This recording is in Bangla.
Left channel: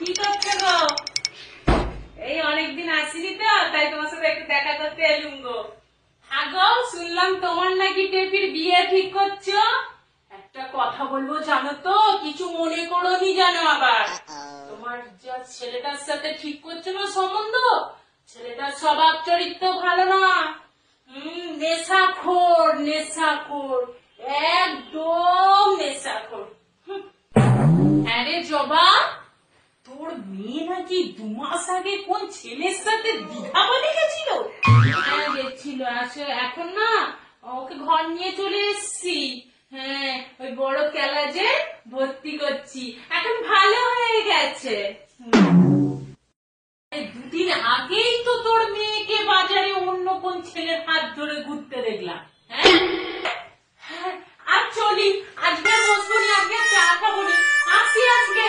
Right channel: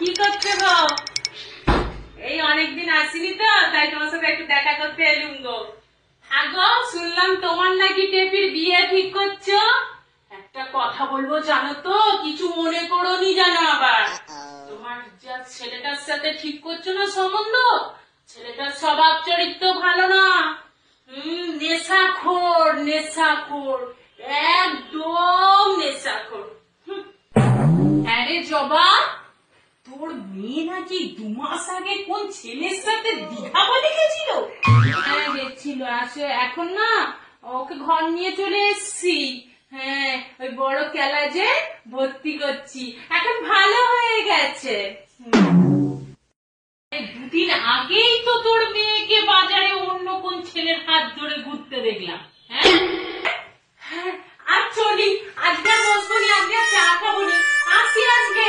কি করছো গো? এই অনেকদিন আসিনি তো, তাই তোমার সাথে একটু দেখা করতে এলুম গো। আগো শুনলাম তোমার নাকি টেপির বিয়ে ঠিক করছো। একটা কথা বলবো জানো তো, কিছু মনে করোনি জানো আবার। তোমার যা ছেলেটার সাথে ঠিক করছো না সম্বন্ধ, ছেলেটার স্বভাব চরিত্র ভালো না। নেশাখোর নেশাখোর, একদম নেশাখোর। হ্যাঁ রে জবা, তোর মেয়ে নাকি 2 মাস আগে কোন ছেলের সাথে দীঘা বাড়ি গেছিল। হ্যাঁ গেছিল, আসে এখন না ওকে ঘর নিয়ে চলে এসছি। হ্যাঁ ওই বড় ক্যালাজে ভর্তি করছি, এখন ভালো হয়ে গেছে। দুদিন আগেই তো তোর মেয়েকে বাজারে অন্য কোন ছেলের হাত ধরে ঘুরতে দেখলাম। হ্যাঁ হ্যাঁ, আর চলি, আজকে বসবো নি, আজকে চা খাবো নি, আসি আজকে।